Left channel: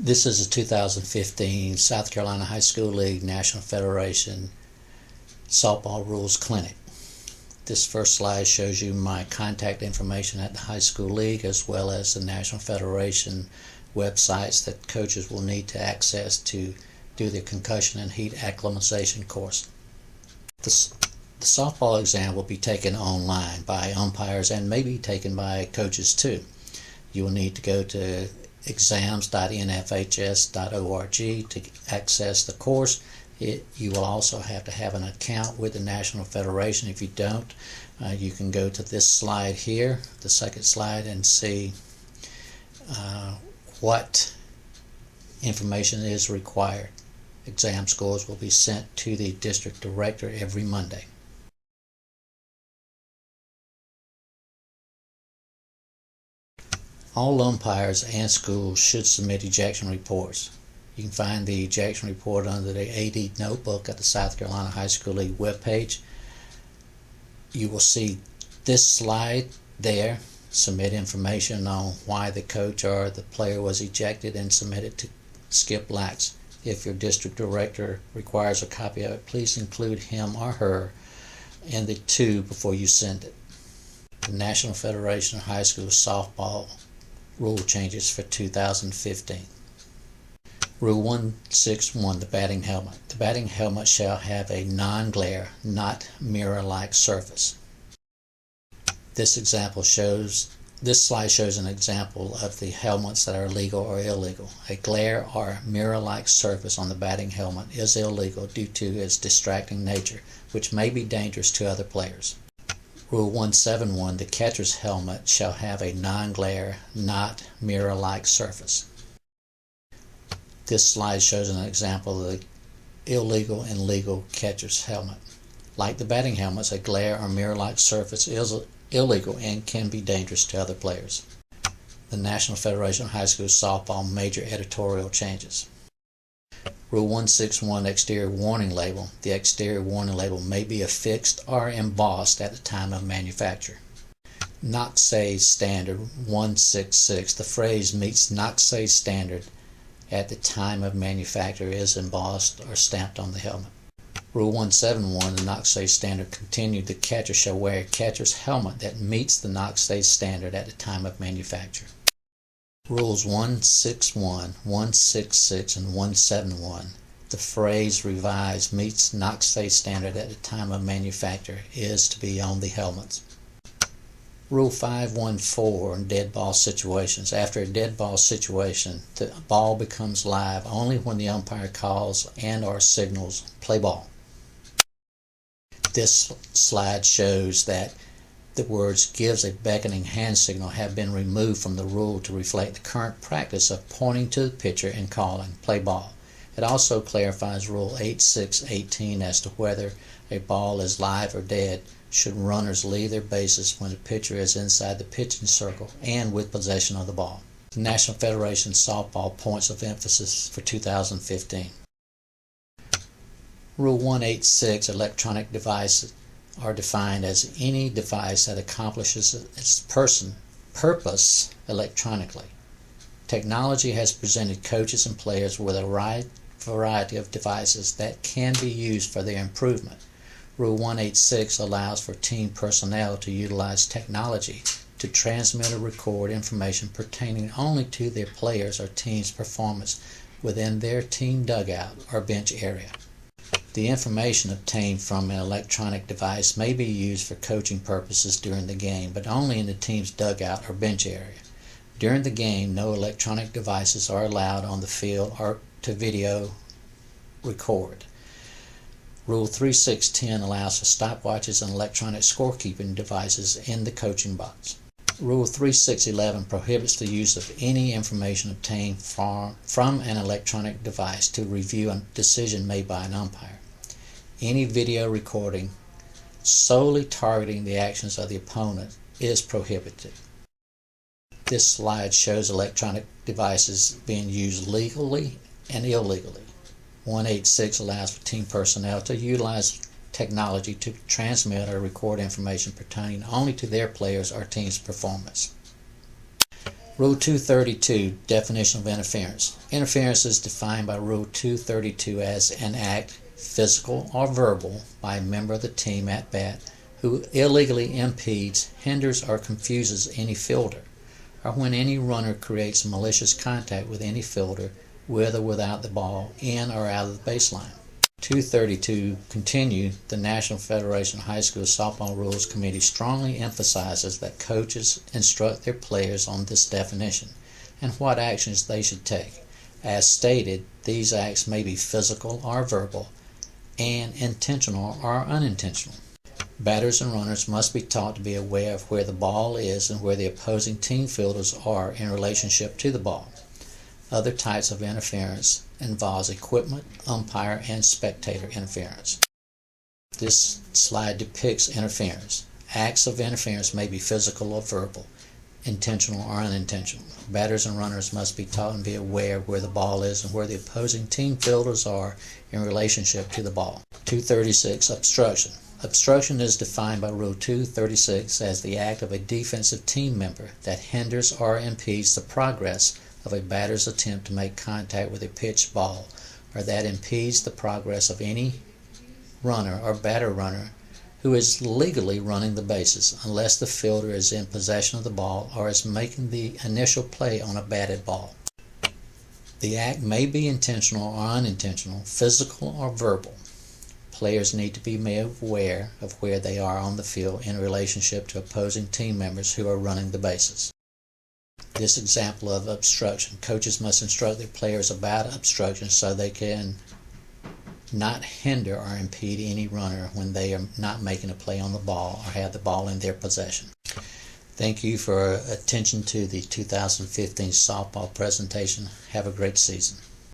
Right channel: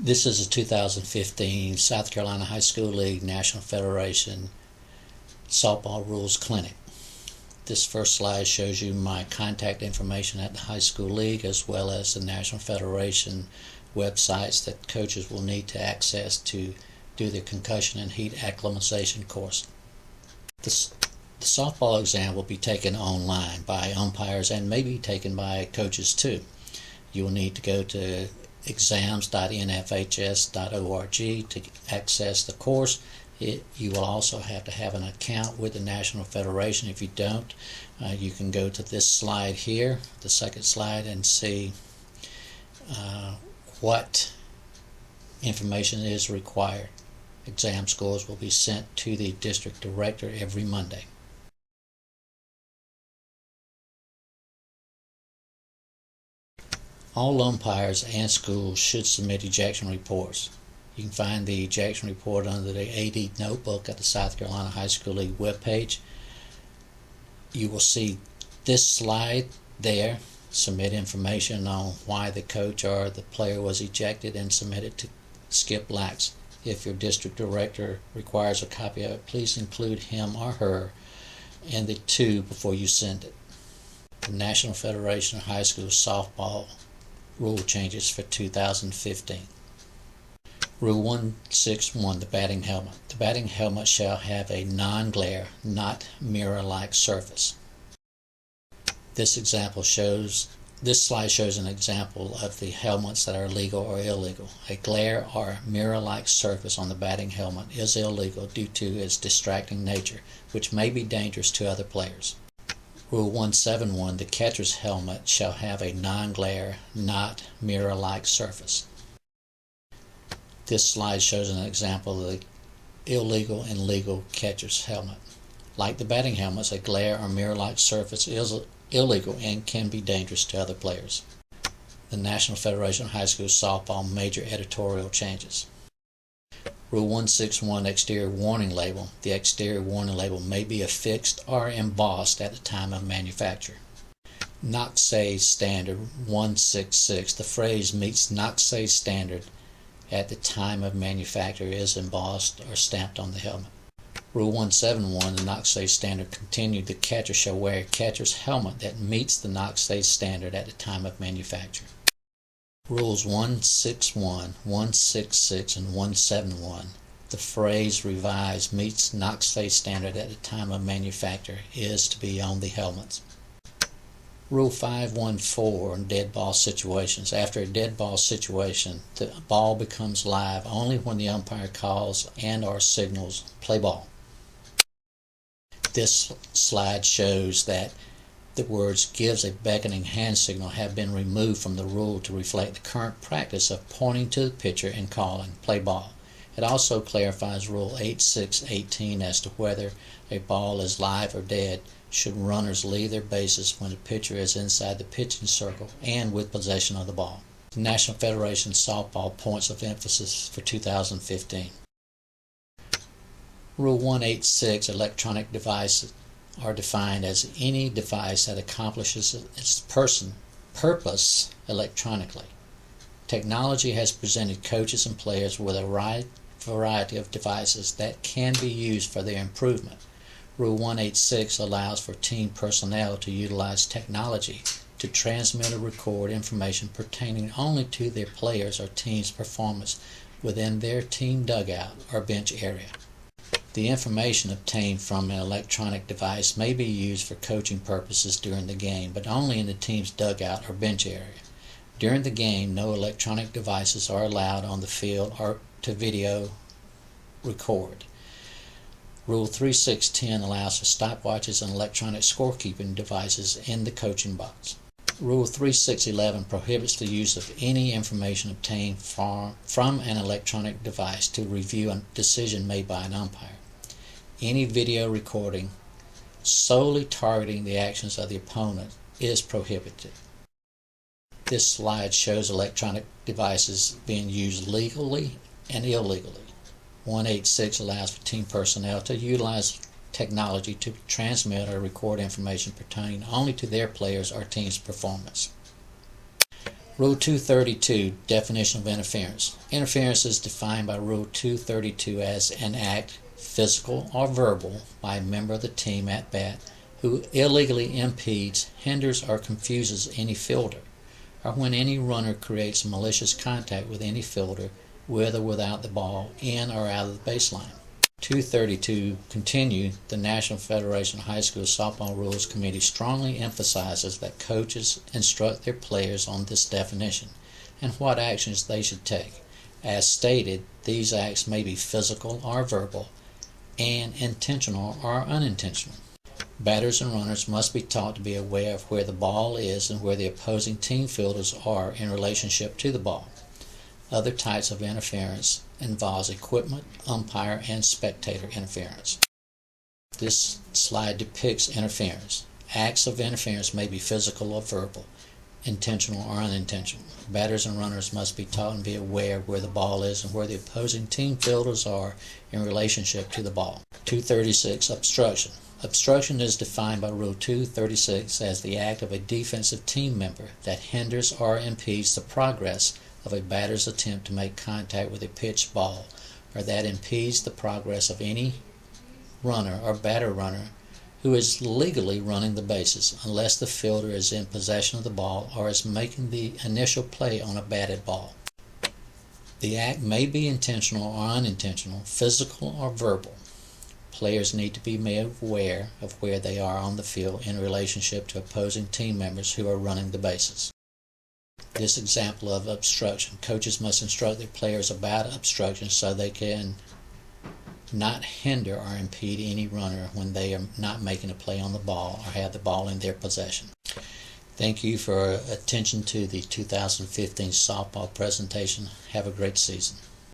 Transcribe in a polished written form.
This is a 2015 South Carolina High School League National Federation Softball Rules Clinic. This first slide shows you my contact information at the High School League, as well as the National Federation websites that coaches will need to access to do their concussion and heat acclimatization course. The softball exam will be taken online by umpires and may be taken by coaches too. You will need to go to exams.nfhs.org to access the course. You will also have to have an account with the National Federation. If you don't, you can go to this slide here, the second slide, and see what information is required. Exam scores will be sent to the district director every Monday. All umpires and schools should submit ejection reports. You can find the ejection report under the AD notebook at the South Carolina High School League webpage. You will see this slide there. Submit information on why the coach or the player was ejected and submit it to Skip Lax. If your district director requires a copy of it, please include him or her in the tube before you send it. The National Federation of High School Softball rule changes for 2015. Rule 161, the batting helmet. The batting helmet shall have a non-glare, not mirror-like surface. This slide shows an example of the helmets that are legal or illegal. A glare or mirror-like surface on the batting helmet is illegal due to its distracting nature, which may be dangerous to other players. Rule 171, the catcher's helmet shall have a non-glare, not mirror-like surface. This slide shows an example of the illegal and legal catcher's helmet. Like the batting helmets, a glare or mirror-like surface is illegal and can be dangerous to other players. The National Federation of High School Softball major editorial changes. Rule 161, exterior warning label. The exterior warning label may be affixed or embossed at the time of manufacture. NACSA Standard 166. The phrase meets NACSA standard at the time of manufacture is embossed or stamped on the helmet. Rule 171, the NACSA standard continued. The catcher shall wear a catcher's helmet that meets the NACSA standard at the time of manufacture. Rules 161, 166, and 171. The phrase revised meets NACSA standard at the time of manufacture is to be on the helmets. Rule 514, dead ball situations. After a dead ball situation, the ball becomes live only when the umpire calls and or signals play ball. This slide shows that the words gives a beckoning hand signal have been removed from the rule to reflect the current practice of pointing to the pitcher and calling play ball. It also clarifies Rule 8618 as to whether a ball is live or dead should runners leave their bases when the pitcher is inside the pitching circle and with possession of the ball. The National Federation Softball points of emphasis for 2015. Rule 186, electronic devices are defined as any device that accomplishes its purpose electronically. Technology has presented coaches and players with a wide variety of devices that can be used for their improvement. Rule 186 allows for team personnel to utilize technology to transmit or record information pertaining only to their players' or team's performance within their team dugout or bench area. The information obtained from an electronic device may be used for coaching purposes during the game, but only in the team's dugout or bench area. During the game, no electronic devices are allowed on the field or to video record. Rule 3610 allows for stopwatches and electronic scorekeeping devices in the coaching box. Rule 3611 prohibits the use of any information obtained from an electronic device to review a decision made by an umpire. Any video recording solely targeting the actions of the opponent is prohibited. This slide shows electronic devices being used legally and illegally. 186 allows for team personnel to utilize technology to transmit or record information pertaining only to their players or team's performance. Rule 232, definition of interference. Interference is defined by Rule 232 as an act, physical or verbal, by a member of the team at bat who illegally impedes, hinders, or confuses any fielder, or when any runner creates malicious contact with any fielder with or without the ball in or out of the baseline. 232 continue. The National Federation of High School Softball Rules Committee strongly emphasizes that coaches instruct their players on this definition and what actions they should take. As stated, these acts may be physical or verbal and intentional or unintentional. Batters and runners must be taught to be aware of where the ball is and where the opposing team fielders are in relationship to the ball. Other types of interference involves equipment, umpire, and spectator interference. This slide depicts interference. Acts of interference may be physical or verbal, intentional or unintentional. Batters and runners must be taught and be aware where the ball is and where the opposing team fielders are in relationship to the ball. 236. Obstruction. Obstruction is defined by Rule 236 as the act of a defensive team member that hinders or impedes the progress of a batter's attempt to make contact with a pitched ball, or that impedes the progress of any runner or batter runner who is legally running the bases, unless the fielder is in possession of the ball or is making the initial play on a batted ball. The act may be intentional or unintentional, physical or verbal. Players need to be made aware of where they are on the field in relationship to opposing team members who are running the bases. This example of obstruction. Coaches must instruct their players about obstruction so they can not hinder or impede any runner when they are not making a play on the ball or have the ball in their possession. Thank you for attention to the 2015 softball presentation. Have a great season.